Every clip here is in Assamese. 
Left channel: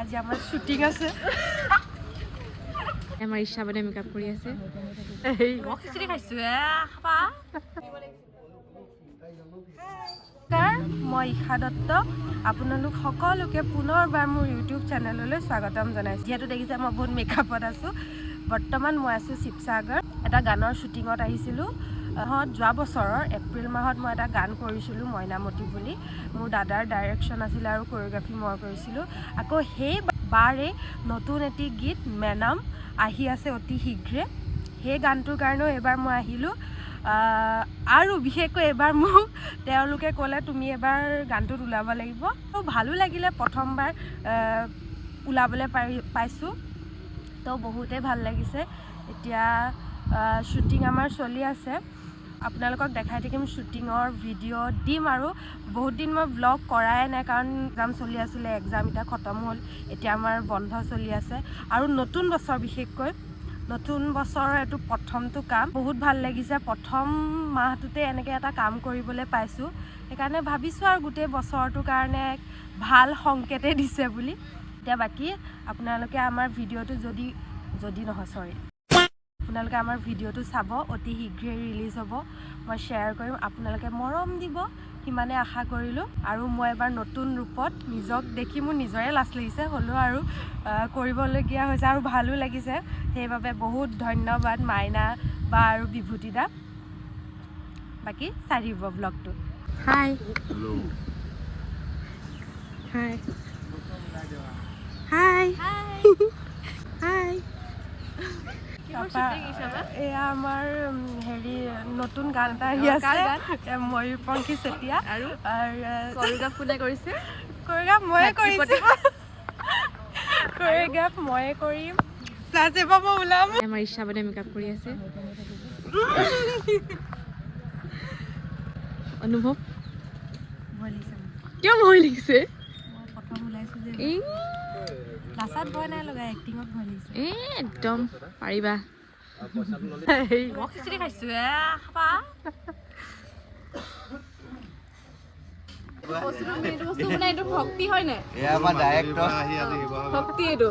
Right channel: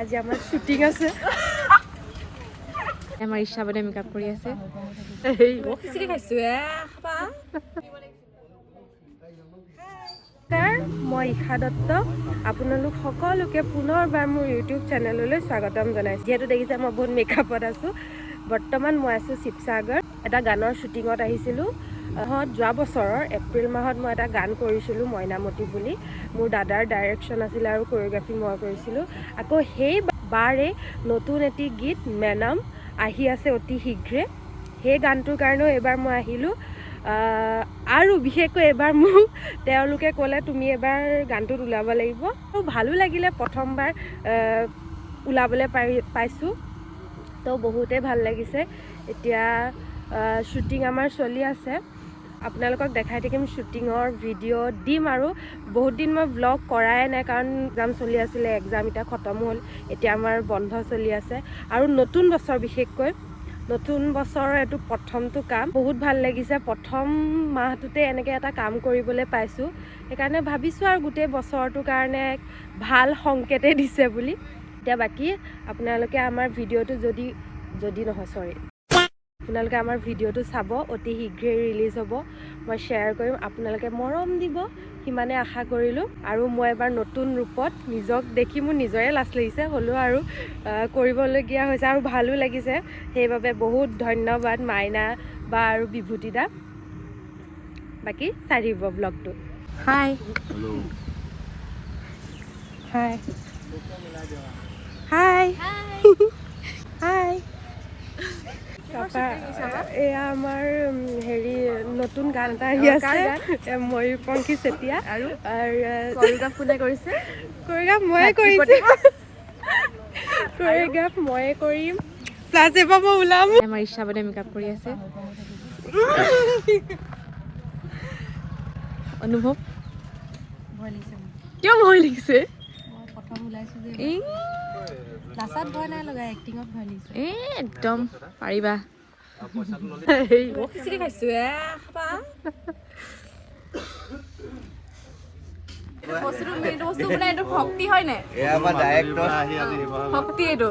আজি আমাৰ শ্বুটিং আছে আমাৰ ইশা বনে মেকআপ কৰি আছে খিচিৰি খাইছো মই ইশা দত্ত আপোনালোক সকলোকে পুনৰবাৰ মোৰ ইউটিউব চেনেললৈ স্বাগতম জনাইছোঁ যিহেতু দেখিছে মই বহুত মেকআপত আছোঁ বৰ্তমান মই আছোঁ শিৱসাগৰ এটা গানৰ শ্বুটিঙত আহিছিলোঁ যোৱা বছৰৰ এপ্ৰিল মাহত মই এটা গান কৰিছিলোঁ মইনামতি বুলি মোৰ দাদাৰ ডাইৰেকশ্যন আছিলে আৰু কোৰিঅ'গ্ৰাফি মই কৰিছিলোঁ আকৌ সেইবাৰে নতুন এটি গীত মেনাম আহি আছে অতি শীঘ্ৰে সেই গানটোৰ কাৰণেও এবাৰ মই আহিলোঁ আৰু বিশেষকৈ এবাৰ মোক তেওঁলোকে ক'লে তুমি এবাৰ গানটোত ওলাব লাগিব মোৰ ভালো লাগিলে প্ৰথমবাৰ ওলাবলৈ পাইছোঁ তো বহুতেই ভাল লাগিছে এতিয়া শ্বুটিং আমাৰ চলি আছে আপোনালোকক দেখাই থাকিম শ্বুটিঙৰ ভিডিঅ' দিম আৰু বহুত দিন মই ব্লগ কৰাই নাই কাৰণ এক্সাম চলি আছিলে এক্সাম এতিয়া খতম হ'ল এতিয়া আমাৰ বন্ধ চলি আছে আৰু নতুন বছৰ বিশেষকৈ নতুন বছৰৰ এইটো প্ৰথমটো কাম বহুত ভাল লাগিছে প্ৰথম মাহটোতে এনেকৈ এটা কাম কৰিবলৈ পাইছোঁ সেইকাৰণে ভাবিছোঁ আৰু গোটেই বছৰটোৰ কাৰণে ভাল সংকেতেই দিছে বুলি এতিয়া বাকী আপোনালোকে আমাৰ ভিডিঅ'টো যদি নহয় চৰি আপোনালোকে আমাৰ ভিডিঅ'টো চাব অতি শীঘ্ৰেই ৰিলিজ হ'ব মই শ্বেয়াৰ কৰিম আপোনালোকে মৰম দিব সিমানে আশা কৰিলোঁ আৰু মই এবাৰ নতুন ৰূপত নিজক দেখি মোৰ নিজৰে লাজ লাগিছে হ'লেও আৰু কৰিবলগীয়া হৈছে আৰু ভালো লাগিছে সেইবাবে বহুত ধন্যবাদ মাইনা বা আৰু বিভূতি দা বাকী চাই দিব ব্লগটো হাই হাই হাই হাই এয়া আমাৰ হেৰি নতুন গান এটা আহি আছে ময়ূৰপংখী চেতিয়া আৰু কোৰিঅ'গ্ৰাফ কোনে কৰিছে কোৰিঅ'গ্ৰাফ ময়ে কৰিছোঁ কোৰিঅ'গ্ৰাফ ময়ে কৰিম প্লাছ এবাৰ মই ওলাম আমাৰ ইশা বনে মেকআপ কৰি আছে অনুভৱ ভয় লাগিছে কিয় ভয় লাগিছে মই প্ৰথম ওলাইছোঁ যে নাচাত ভয় নাই লগা এক্টিঙত ভয় লাগিছে একদম পাৰিবা খিচিৰি খাইছো ভক্তি হয় নাই ভক্তি এইটো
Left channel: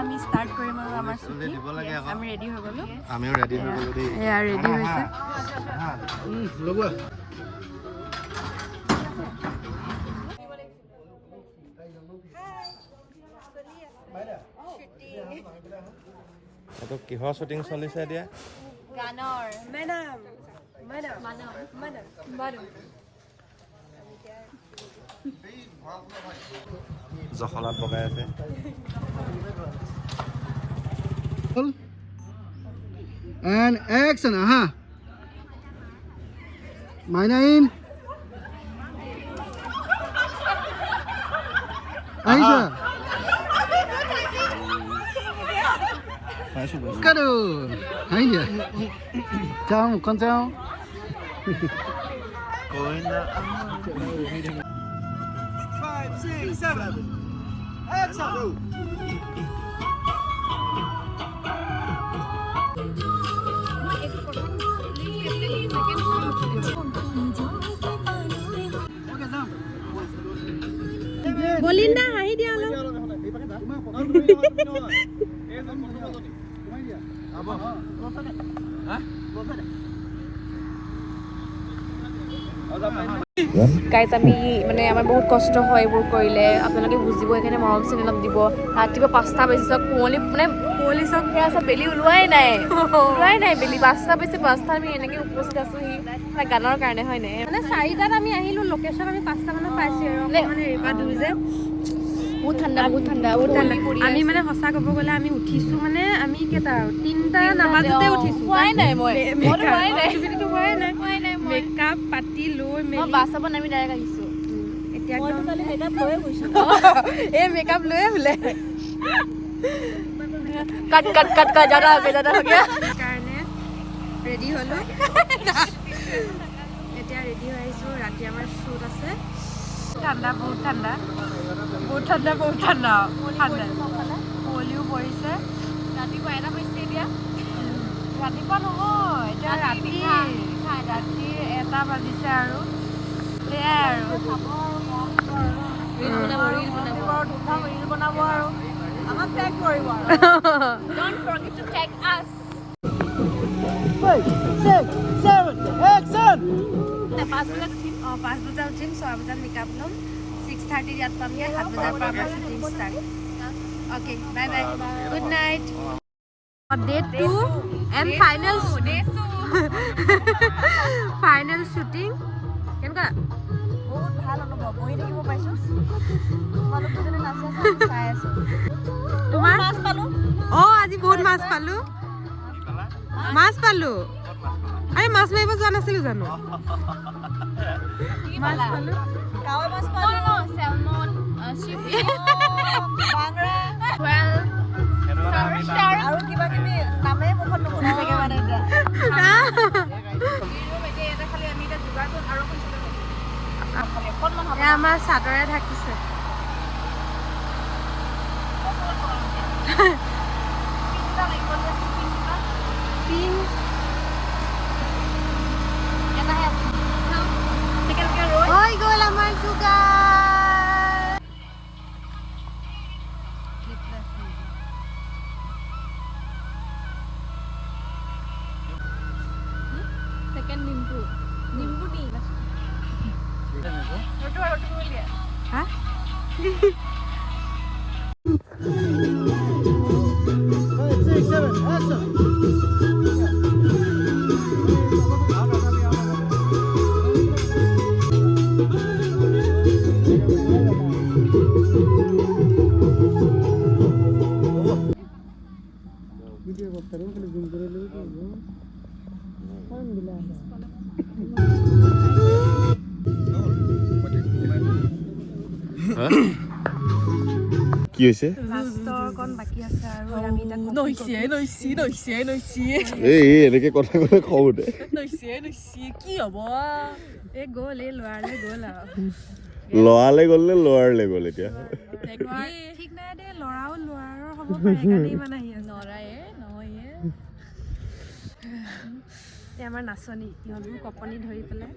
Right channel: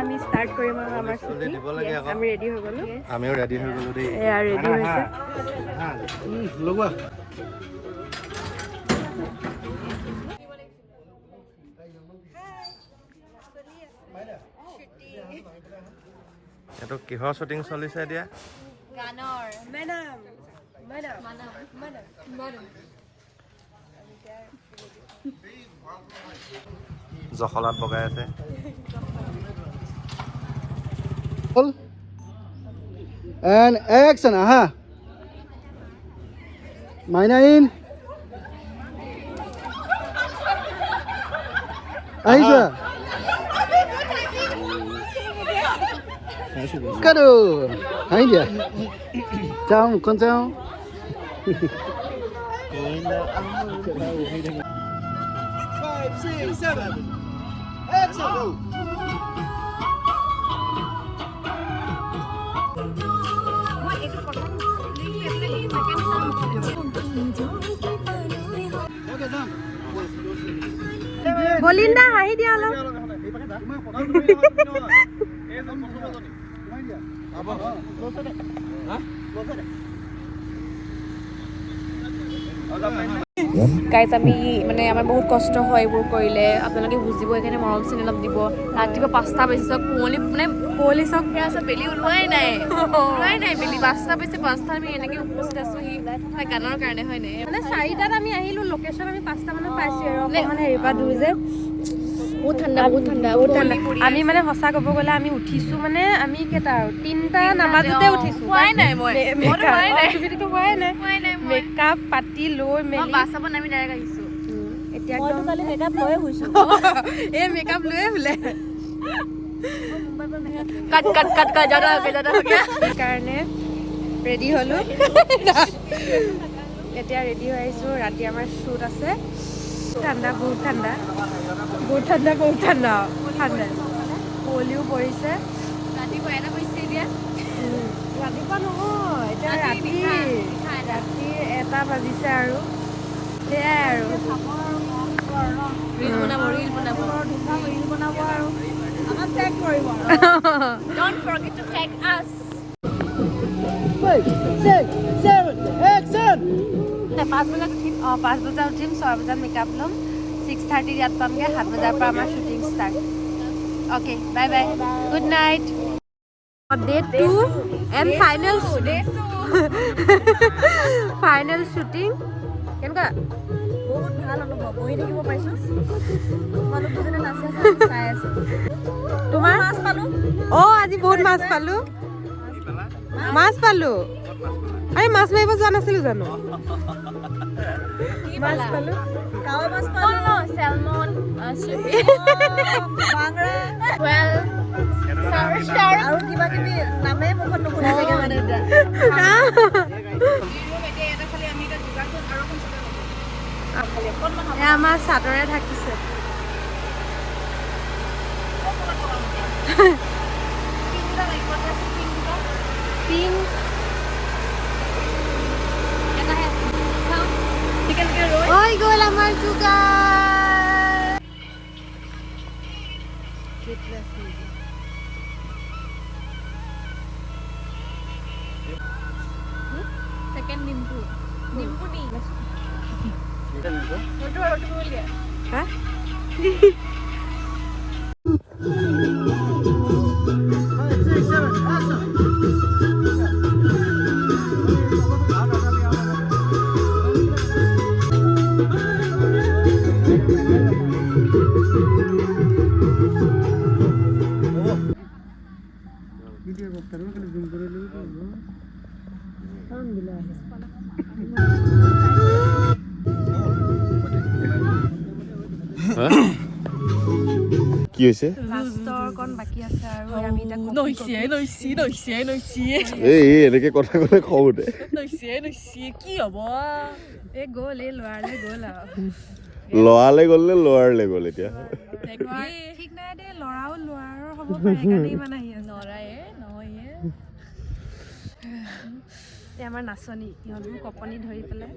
আমি ষ্টাৰ্ট কৰিম আৰু আমাৰ আমি ৰেডি হৈ গ'লো আমিও ৰেডি হৈ গ'লো এয়া ৰেডি হৈছে এইটো কিহৰ শ্বুটিং চলিছে এতিয়া গানৰ মেনাম মেনাম মেনাম মেনাম জখলাত বগাই আছে and action Maina in Aisha Kado hai dia Jam con jam 5 6 7 action বলিন্দা হাঁহি দিয়া অলপ গাইজ আমি মানে আমাৰ বহুত কষ্ট হয় এইবোৰ কৰিলে আপোনালোকে বুজিব সেইকাৰণে মৰম চেনেহ অলপ দিব ৰাতিপুৱা 5টা বাজিছে কুঁৱলী চক আছে বেলি ওলোৱাই নাই বেলি 5টা বাজিছে 5টা আমি এনেকৈ উপস্থিত আছোঁ গানৰ কাৰণে হয় নাই মানে 4টাত আমি আহিলোঁ লোকেশ্যন আমি 5টা মানত পাইছোঁ আৰু মানে হেৰি পৰা দূৰ যে বহুত ঠাণ্ডা আমি মানে সঁচা ক'ব গ'লে আমি উঠিছোঁ মানে আমি কেইটা আৰু 3টা নামাজতে উঠিছোঁ মেকআপ পাতি লৈ মেলি বাছত নামি ডাইৰেক্ট আহিছোঁ এতিয়া একদম মেকআপ লৈয়ে শুইছোঁ এই মেকআপ লৈয়ে শুলে কাট জাদা সেইকাৰণে ৰেডি হ'লোঁ এতিয়া ৰেডি হৈ আহিছোঁ ৰাতি আমাৰ শ্বুট আছে ঠাণ্ডা বহুত ঠাণ্ডা কুঁৱলীও পৰিছে ৰাতিপুৱা নহয় এতিয়া ৰাতি 1টা বাজিছে আৰু সেয়াই আৰু পাঁচ বজাত উঠিম 6 বজাত মেকআপ ল'ম 6:30 ইয়াত পামগৈ 7 বজাৰ পৰা আমাৰ shooting start okay bye bye good night day 2 and final shooting কেনেকুৱা বহুত ভাল অনুভৱ বহি থাকিব পাইছোঁ তোমাৰ আজি বহুত মাছ পালোঁ আৰে মাছ মাৰিব যোৱা নাছিলোঁ জানো মাছ পালোঁ salmon shrimp well আৰু কিবা কিবি নামে বহুত নুশুনা জেগা মানে এটা আমাৰ চাদৰে থাকিছে ঐ গ'ল আমাৰ চুগাৰ কি হৈছে লাষ্টৰ কণ বাকী আছে আৰু আমি এই এনেকে কথা ক'লে খং উঠে কি হ'ব এই গ'ল এই ল'ৰালে গ'ল আৰু লৰালে গ'ল নে লৰালে গ'ল এতিয়া ঠিক নাই দে ল'ৰাও ল'ৰাৰ হ'ব পাৰে সেইকাৰণে ইমান আহি আছে আমাৰ নাচনী সিহঁতবোৰ কপনি ধৰি পেলাই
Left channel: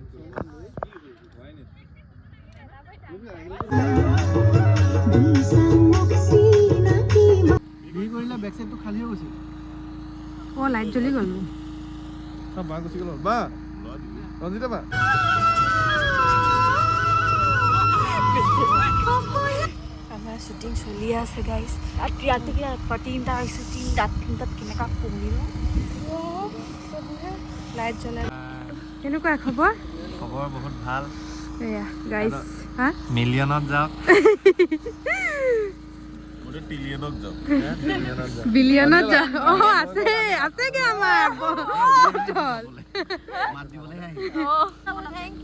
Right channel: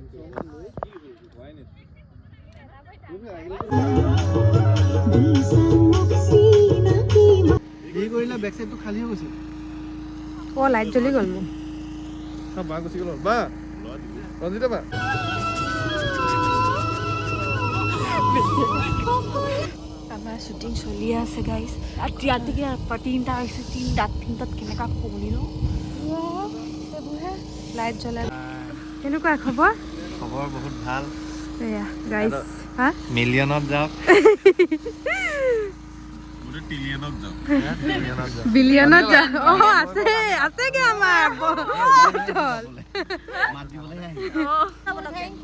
লাইট জ্বলি গ'ল মোৰ আমাৰ শ্বুটিং চলি আছে গাইজ লাইট জ্বলাই কেনেকুৱা খবৰ বহুত ভাল গাইজ মিলিয়নত যাওক বিলিয়নত যাওক আছেগে আমাৰ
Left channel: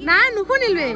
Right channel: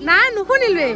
নাই নুশুনিলোৱে